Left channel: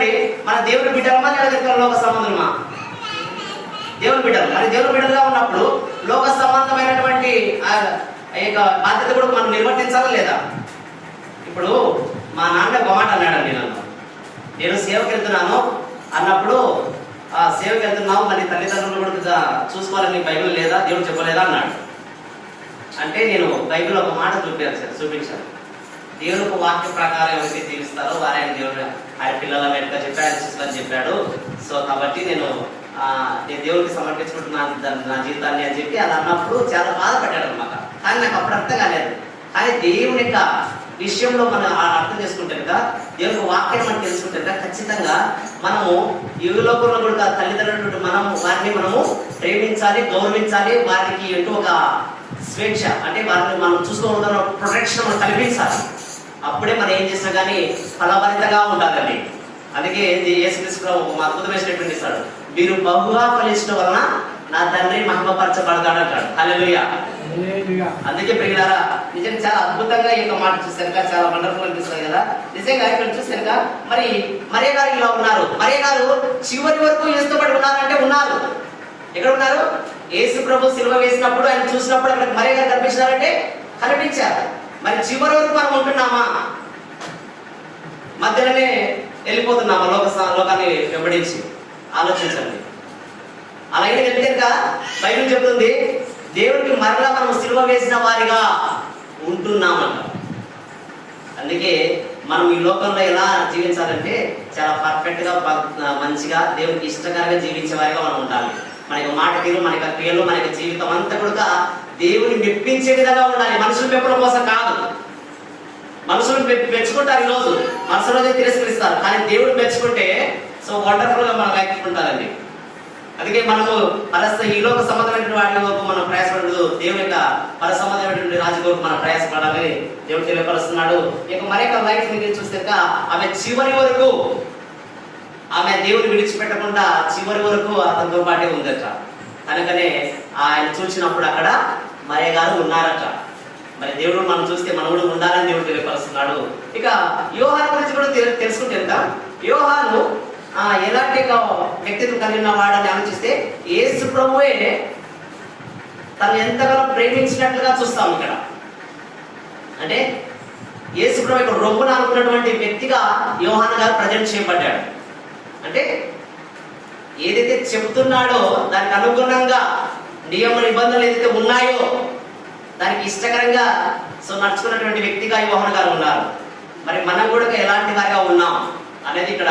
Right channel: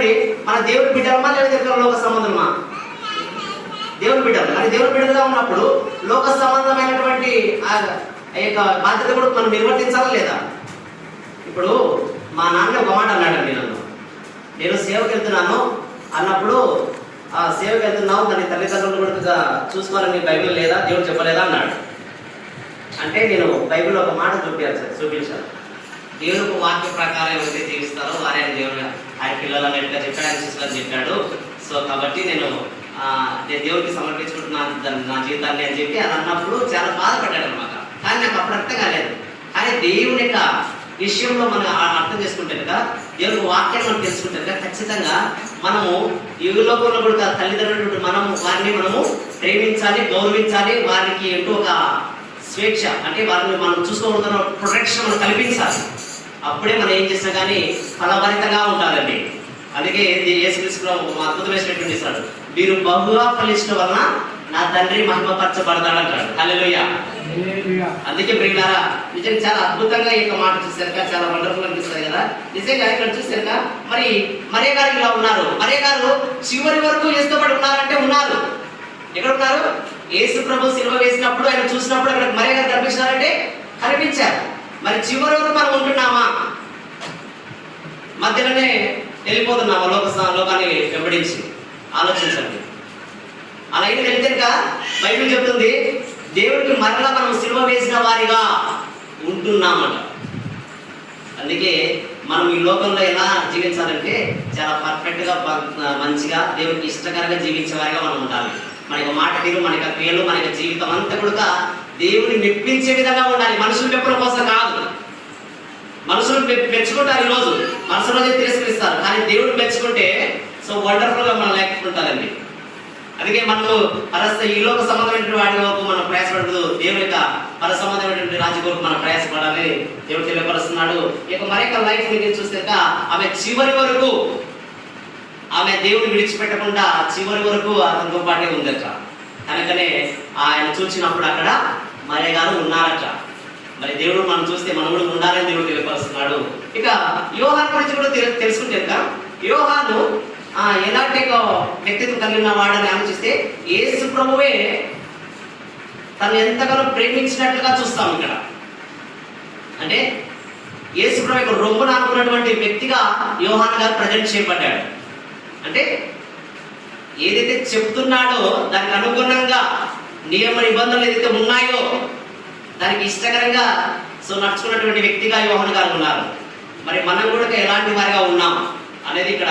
మన దేవుని బిడ్డలమా లేదా లోక సంబంధమా దేవుని బిడ్డలు. మరి దేవుని బిడ్డలుగా ఉన్నప్పుడు లోక సంబంధమైనటువంటి బాధ్యత కూడా మనం నిర్వర్తించాలా లేదా? ఇప్పుడు మా నాన్న ఒక మాట అన్నాడండి నన్ను. నేను సేవకి వెళ్తున్నాను అన్నప్పుడు ఆ సేవకి వెళ్తున్నావు మరి తల్లిదండ్రులు కూడా చూసుకోవాలని బైబిల్ లేదా? దేవుడు చెప్పలేదా? అన్నాడు. అంటే నేను బైబిల్ ఒక మాట చూపించాను చూపించాను. దేవుని ఒక వాక్య ప్రకారం ఎవరైతే జీవిస్తారో వారే ఆయన దేవుడు ఆయన పిల్లలు అన్నట్టుగా చెప్పాడు ఆయన శిష్యులని చెప్పాడు. సో కాబట్టి నేను నేను దేవుడికి సమర్పించుకుంటున్నాను దాన్ని- నా జీవితాన్ని అని చెప్పి అది అన్నప్పుడు చాలా బాధపడ్డాడు అనమాట కానీ నాకు అప్పుడు అర్థం కాలేదు. కానీ దేవుని యొక్క విషయంలో మనం ఆ- అర్థం చేసుకుంటే కదా దేవుని వాక్యం మనం తెలుసుకుంటే కదా ఖచ్చితంగా మనము యుగలో కూడా తల్లిదండ్రులు మనము వారిని మనము ప్రేమించాలి గౌరవించాలి వారికి ఎంతో ఒక స్వేచ్ఛ. అంటే వాళ్ళని మనం చూసుకోవడం ప్రొటెక్షన్ మనం కల్పించాలి. అప్పుడే మనం ఏం చేసినా కానీ ఫలభరితంగా ఉండాలండి అందుకే ఇది యేసుక్రీస్తులో ఒక అద్భుతమైనటువంటి ఇస్తాడు మీరు బహుగా ఫలించడం వలన నా తండ్రి మహిమపరచబడతాడు అంటాడు హల్లెలూయా. అందుకే ప్రియులారా నిజంగా చాలా అద్భుతంగా ఈ మాట చూసాక చాలా వండర్ఫుల్ అనిపిస్తుంది కదా. నిజంగా ఇక్కడ చూసాక మరి మరియ గారు ఇలా ఉన్నారు. మరియ గారు చివరి వరకు ఇష్టపడి ఉన్నారంటే ఉన్నారు. ఎక్కడ ఉన్నారు యేసు ప్రభు సిల్వ వేసినప్పుడు ఆయన చూసినప్పుడు అక్కడ మరియ గారు కనిపించారంటే కనిపించారు. మరి చివరి వరకు మనం ఉంటున్నామా? మధ్యలోనే వెళ్ళిపోతున్నామా లోక లోకాన్ని వెంబడించి? ఆలోచించండి. అలా అయితే వెళ్తే బైబిల్ చెప్తుంది దేవుడికి మరలా మనం సిలువ వేసిన వారిగా ఉంటున్నామంట. అందుకే మనం ఈ లోకంలో ఎలా జీవించాలంటే చాలా పర్ఫెక్ట్గా మంచిగా దేవుడికి ఇష్టకరంగా జీవించే వారిగా మనం ఉండాలి. మన యొక్క మాట తీరు మన యొక్క క్రియలు మన యొక్క జీవితం అంతా కూడా దేవుని మెప్పించే విధంగా ఉండాలి. మనుషులు మెప్పడం కోసం కాదు. మనుషులు మెచ్చుకుంటారు ఈ రోజు మనసు రోజే తిరస్కరిస్తారు. కానీ దేవుడు మెచ్చుకుంటే సో వండర్ఫుల్గా మనం లేకుంటారండి అందుకే మనము పరస్త ఈ లోక సంబంధమైనటువంటి వాటి వరకు మనం ప్రయాసపడదు దేవుని యొక్క పర సంబంధమైనటువంటి రాజు కొరకు మనం ప్రయాసపడాలని దేవుడు తెలియపరుస్తున్నాడు. ఇక మరొక లైఫ్ని చూస్తే ఆమె చివరి వరకు ఆమె దేవుని విడిచిపెట్టకుండా చివరి వరకు అతనితో పాటే ఉందట. కనుకనే ఆయన చూసినప్పుడు అక్కడ మాయ గారు ఉన్నారట. మరి దేవుడు మనం చూస్తే మనం కూడా ఉండాలని దేవుడు తెలియపరుస్తున్నాడు. ఇక యోహాన్ గురించి కూడా తెలు- తెలుసుకుంటే యోహాను ఎలాంటి ఒక వ్యక్తిత్వం కలిగిన వాడని ఆలోచిస్తే ఏసు ప్రభువే తను ఎంతగానో ప్రేమించినట్లుగా చూస్తాం ఇక్కడ. అంటే యేసు ప్రభు యొక్క రొమ్మున అనుకున్నటువంటి వ్యక్తిగా యోహాన్ గారు ప్రజెంట్ చేయబడ్డాడు. అంటే ఏదైతే చెప్తున్నాడో దానికి అనుగుణంగా నియమ నిబంధనలు ఏదైతే ఉన్నాయో దానికి ఇష్టకరంగా సో నడుచుకున్నటువంటి వ్యక్తిగా యోహన్ గారు ఉన్నారు. మరి మనం కూడా ఎలాంటి వారిగా ఉన్నాం అనేది ఇక్కడ